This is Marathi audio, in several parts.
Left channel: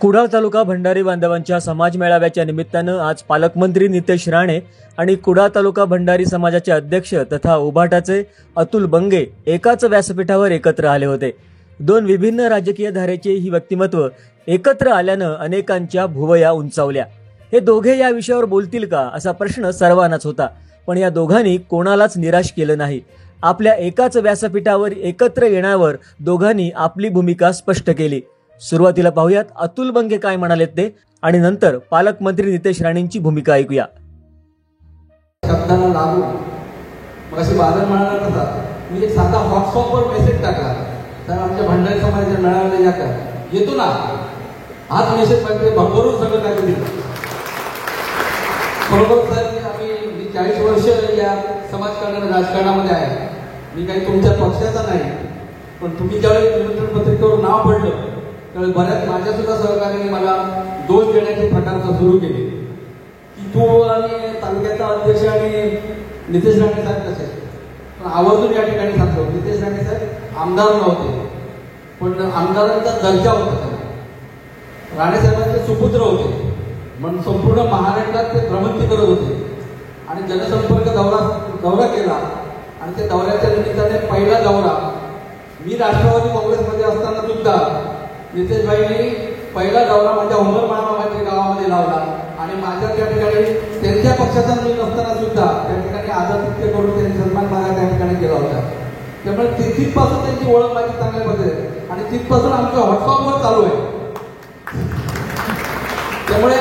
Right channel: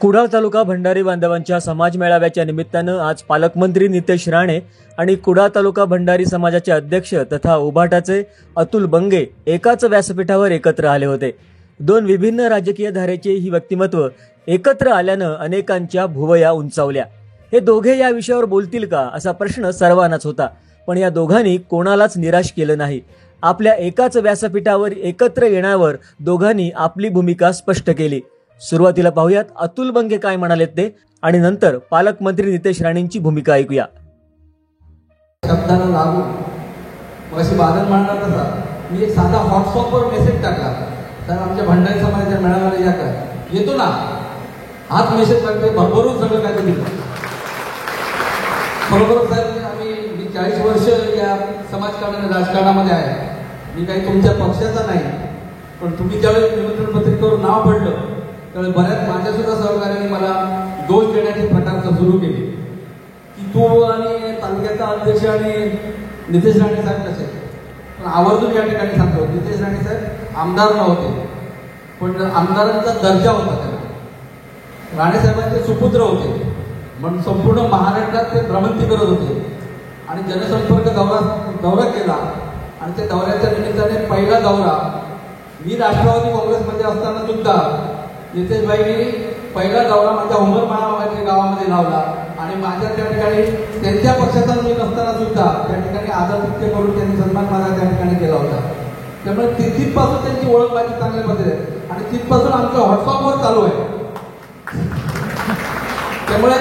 कुडाळ तालुका भंडारी बांधवांच्या समाज मेळाव्याच्या निमित्तानं आज पालकमंत्री नितेश राणे आणि कुडाळ तालुका भंडारी समाजाचे अध्यक्ष तथा उभाटाचे अतुल बंगे एकाच व्यासपीठावर एकत्र आले होते। दोन विभिन्न राजकीय धारेचे ही व्यक्तिमत्व एकत्र आल्यानं अनेकांच्या भुवया उंचावल्या। हे दोघे या विषयावर बोलतील का असा प्रश्न सर्वांनाच होता, पण या दोघांनी कोणालाच निराश केलं नाही। आपल्या एकाच व्यासपीठावर एकत्र येण्यावर दोघांनी आपली भूमिका स्पष्ट केली। सुरुवातीला पाहूयात अतुल बंगे काय म्हणाले ते आणि नंतर पालकमंत्री नितेश राणेंची भूमिका ऐकूया। शब्दाला लागू मगाशी बादल म्हणाला तसा मी एक साधा व्हॉट्सअपवर मेसेज टाकला, तर आमच्या भंडारी समाजाच्या मेळाव्याला या काय येतो ना, हाच मेसेज टाकते भरभरून सगळं काय दिलं। बरोबर साहेब, मी 40 वर्ष या समाजकारणाने राजकारणामध्ये आहे। मी काही तुमच्या पक्षाचा नाही, पण तुम्ही ज्यावेळेस निमंत्रण पत्रिकेवर नाव पडलं त्यावेळेस बऱ्याच माझ्या सुद्धा सहकार्याने मला दोष देण्याचे प्रकार सुरू केले की तू आणि तालुक्याचा अध्यक्ष आणि नितेश राणे साहेब कसे। पण आवर्जून या ठिकाणी सांगतो, नितेश राणे साहेब आमदार नव्हते, पण आमदारांचा दर्जा होता त्यांना। राणे साहेबांचे सुपुत्र होते, म्हणून संपूर्ण महाराष्ट्रात ते भ्रमंती करत होते आणि जनसंपर्क दौरा केला। आणि त्या दौऱ्याच्या निमित्ताने पहिला दौरा मी राष्ट्रवादी काँग्रेसमध्ये असताना सुद्धा नितेशभाईंनी पहिला दौरा माझ्या उमर महाराष्ट्राच्या गावामध्ये लावला आणि माझ्या त्या ठिकाणी त्यांच्या पक्षाचा मी नसताना सुद्धा त्या ठिकाणी आदर नृत्य करून त्यांनी सन्मान मला त्या ठिकाणी केला होता। त्यामुळे तिथपासून त्यांची ओळख माझी चांगल्या पद्धतीने आणि तिथपासून आमच्या व्हॉट्सअपवर चालू आहे। त्यामुळे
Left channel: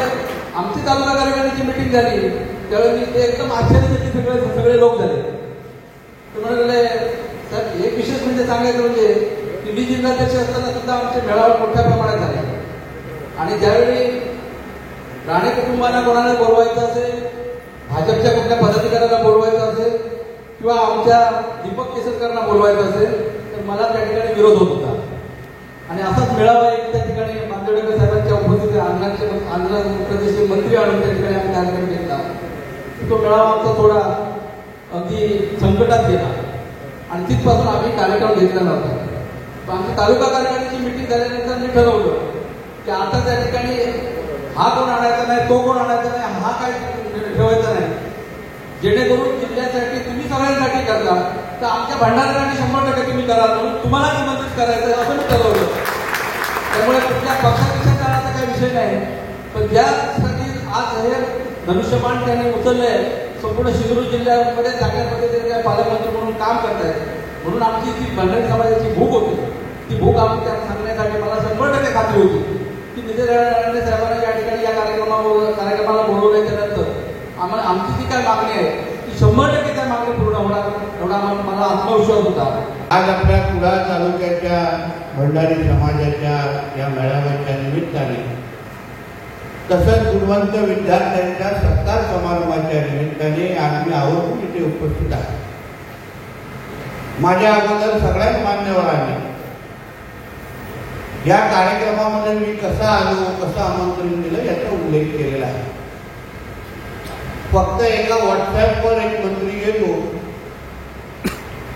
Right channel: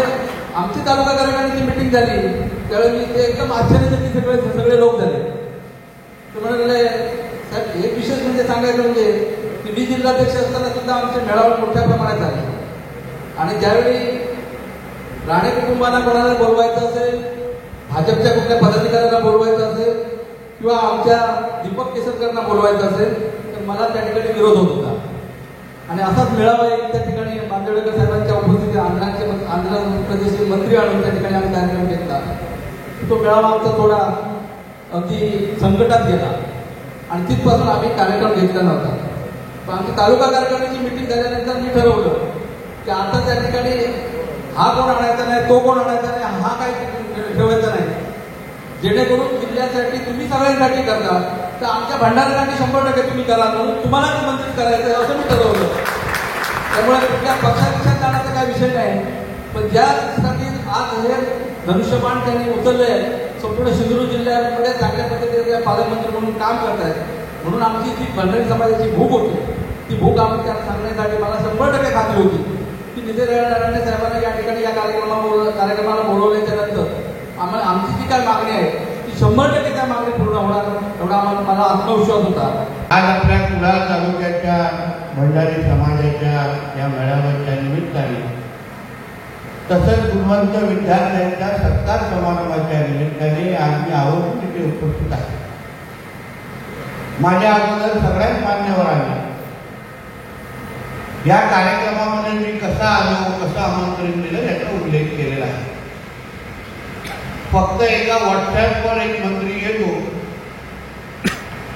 आमची तालुका कार्यकारिणीची मिटिंग झाली त्यावेळी मी ते एकदम आश्चर्यचकित सगळे लोक झाले। त्यामुळे साहेब एक विशेष म्हणजे सांगायचं म्हणजे मी जिल्हाध्यक्ष असताना सुद्धा आमचे मेळावे मोठ्या प्रमाणात झाले आणि त्यावेळी राणे कुटुंबाला कोणाला बोलवायचं असेल, भाजपच्या कुठल्या पदाधिकाऱ्यांना बोलवायचं असेल किंवा आमच्या दीपक केसरकरांना बोलवायचं असेल तर मला त्या ठिकाणी विरोध होत होता। आणि असाच मेळावा त्या ठिकाणी मांजरेकर साहेबांच्या उपस्थितीत आंध्र प्रदेशचे मंत्री आणून त्या ठिकाणी आम्ही कार्यक्रम घेतला। तो मेळावा आमचा थोडा अगदी संकटात गेला आणि तिथपासून आम्ही कार्यक्रम घेतला नव्हता। पण आमची तालुका कार्यकारिणीची मिटिंग झाल्यानंतर मी ठरवलं की आता त्या ठिकाणी हा कोण आणायचा नाही, तो कोण आणायचा नाही, हा काय ठेवायचा नाही, जेणेकरून जिल्ह्यासाठी तुम्ही सगळ्यांसाठी करता तर आमच्या भंडाऱ्यांनी 100% तुम्ही करा म्हणून तुम्हाला निमंत्रित करायचं असं मी ठरवलं। त्यामुळे कुठल्या पक्षापेक्षा करण्याचा काही विषय नाही, पण ज्यासाठी आज हे धनुष्यबाण त्यांनी उचललंय संपूर्ण सिंधुदुर्ग जिल्ह्यामध्ये चांगल्या पद्धतीने पालकमंत्री म्हणून काम करतायत, म्हणून आमची जी भंडारी समाजाची भूक होती ती भूक आम्ही त्या सांगण्यासाठी मला 100% खात्री होती की नितेश राणे साहेबांना या ठिकाणी या कार्यक्रमाला बोलवले त्यानंतर आम्हाला आमची जी काय मागणी आहे ती 100% त्या मागणी पूर्ण होणार एवढा मला आत्मविश्वास होता। आज आपल्या कुडाळ तालुक्याच्या भंडारी समाजाच्या या मेळाव्याच्या निमित्ताने तसंच गुणवंत विद्यार्थ्यांच्या सत्कार समारंभाच्या निमित्ताने आम्ही आवर्जून तिथे उपस्थित आहे। माझ्या अगोदर सगळ्याच मान्यवरांनी या कार्यक्रमामध्ये मी कसा आलो, कसं आमंत्रण दिलं याचा उल्लेख केलेला आहे। फक्त एका व्हॉट्सअपवर एक मंत्री येतो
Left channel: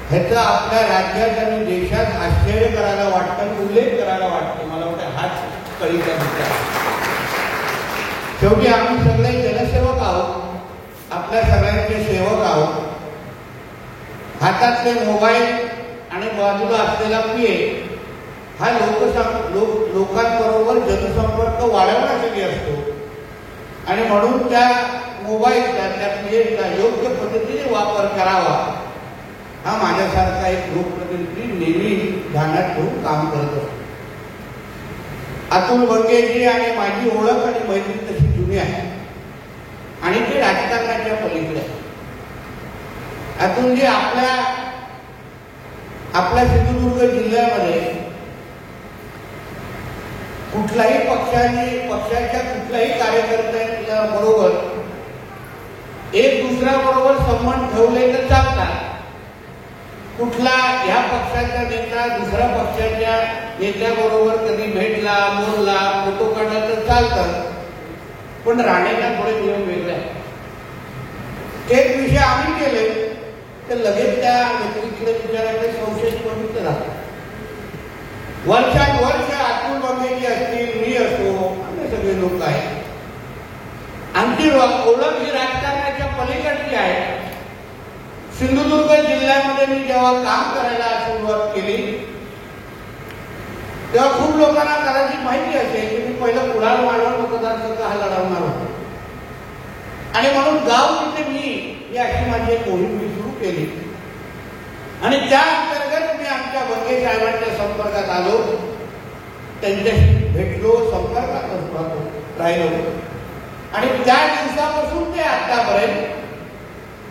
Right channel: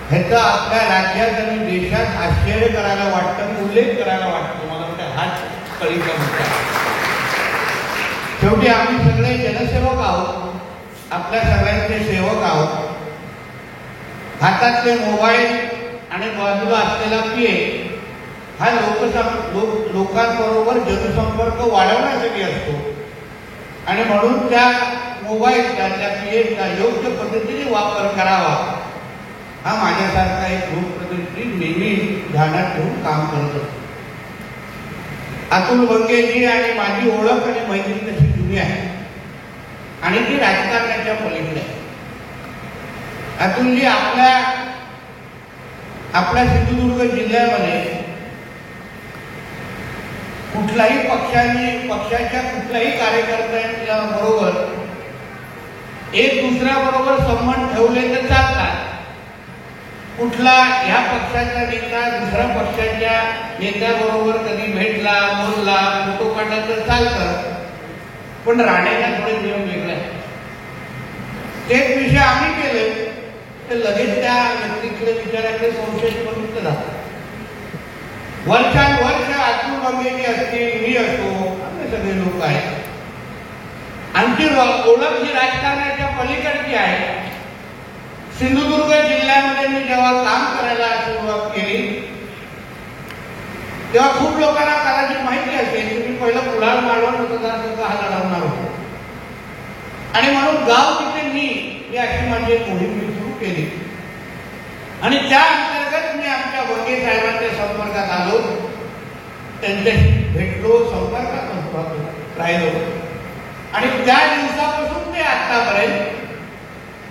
ह्याचा आपल्या राज्यात आणि देशात आश्चर्य करायला वाटतं, उल्लेख करायला वाटतो। मला वाटतं हाच कळीचा मुद्दा आहे। शेवटी आम्ही सगळे जनसेवक आहोत, आपल्या सगळ्यांचे सेवक आहोत। हातातले मोबाईल आणि बाजूला असलेला पीए हा लोकांबरोबर जनसंपर्क वाढवण्यासाठी असतो आणि म्हणून त्या मोबाईलचा त्या पीएचा योग्य पद्धतीने वापर करावा हा माझ्यासारखा एक लोकप्रतिनिधी नेहमी ध्यानात ठेवून काम करत असतो। अतुल बंगेजी आणि माझी ओळख आणि मैत्री तशी जुनी आहे आणि ती राजकारणाच्या पलीकडे आहे। अतुलजी आपल्या सिंधुदुर्ग जिल्ह्यामध्ये कुठल्याही पक्षाच्या कुठल्याही कार्यकर्त्यांच्या बरोबर एक दुसऱ्याबरोबर संबंध ठेवले तर चालतात। कुठला या पक्षाचा नेता दुसऱ्या पक्षाच्या नेत्याबरोबर कधी भेटला, बोलला, फोटो काढला तर चालतं, पण राणेचा थोडे नियम वेगळे आहेत। तेच विषय आम्ही केले तर लगेच त्या व्यक्तीकडे विचाराकडे संशय प्रवृत्त झाला। वर्षानुवर्ष अतुल बंगेजी असतील, मी असतो, आमची ओळख ही राजकारणाच्या पलीकडची आहे. सिंधुदुर्ग जिल्ह्यामध्ये मी जेव्हा काम करायला सुरुवात केली तेव्हा खूप लोकांना कदाचित माहिती असेल की मी पहिलं कुडाळ मालवण मतदारसंघ हा लढवणार होतो आणि म्हणून गाव तिथे मी अशी माझी एक मोहीम मी सुरू केली आणि त्या अंतर्गत मी आमच्या बंगे साहेबांच्या संपर्कात आलो, त्यांच्याशी भेटलो, संपर्कात राहिलो आणि त्या दिवसापासून ते आतापर्यंत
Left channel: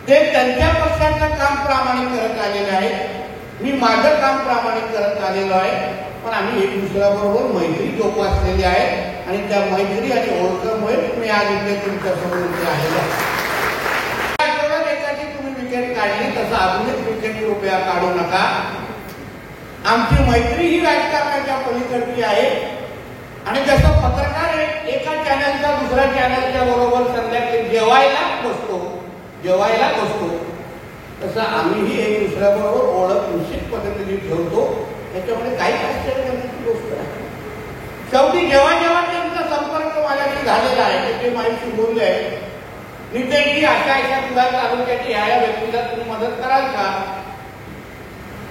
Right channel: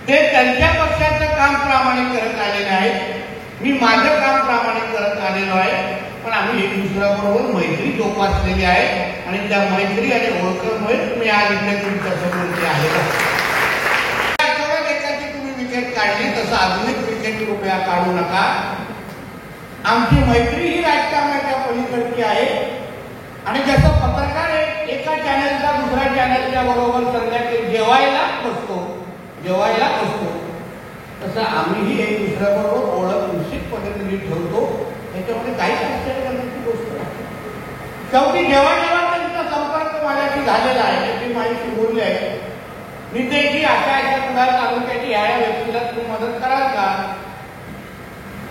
ते त्यांच्या पक्षाचं काम प्रामाणिक करत आलेले आहेत. मी माझं काम प्रामाणिक करत आलेलो आहे. पण आम्ही एक दुसऱ्याबरोबर मैत्री जोपासलेली आहे आणि त्या मैत्री आणि ओळखीमुळे मी आज इथे तुमच्या समोर इथे आलेलो आहे. आठवड्यात एकाची तुम्ही विकेट काढली तसं अजून एक विकेट रुपया काढू नका. आमची मैत्री ही राजकारणाच्या पलीकडची आहे आणि जसं पत्रकार एका चॅनलचा दुसऱ्या चॅनलच्या बरोबर संध्याकाळी जेवायला बसतो तसं आम्हीही एक दुसऱ्याबरोबर ओळख निश्चित पद्धतीने ठेवतो. त्याच्यामध्ये काही आश्चर्याची गोष्ट आहे. शेवटी जेव्हा त्यांचा संपर्क माझ्याशी झालेला आहे, त्याची माहिती बोलली आहे, मी ते की अशा कुडाळ तालुक्याची या व्यक्तीला तुम्ही मदत कराल का,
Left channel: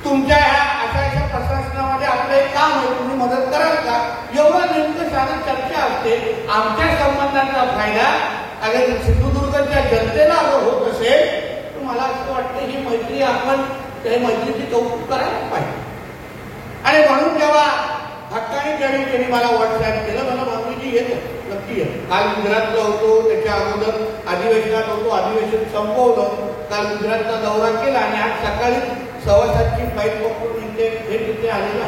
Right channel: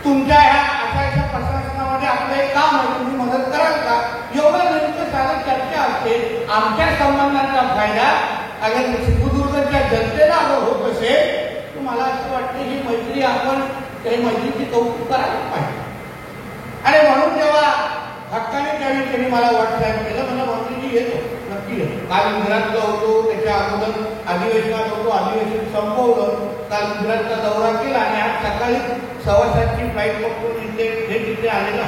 तुमच्या ह्या अशा प्रशासनामध्ये आपलं एक काम आहे, तुम्ही मदत कराल का, एवढं नेमकं साधी चर्चा असते. आमच्या संबंधांचा फायदा अगर सिंधुदुर्गच्या जनतेला होत असेल तर मला असं वाटतं ही मैत्री आपण त्या मैत्रीची कौतुक करायला पाहिजे. आणि म्हणून जेव्हा हक्काने त्यावेळी त्यांनी मला व्हॉट्सअप केलं, मला माऊलीजी येतो नक्की आहे. काल गुजरातला होतो, त्याच्या अगोदर अधिवेशनात होतो, अधिवेशन संपवलं, काल गुजरातचा दौरा केला आणि आज सकाळी 7:15ची फ्लाईट पकडून इथे आलेला.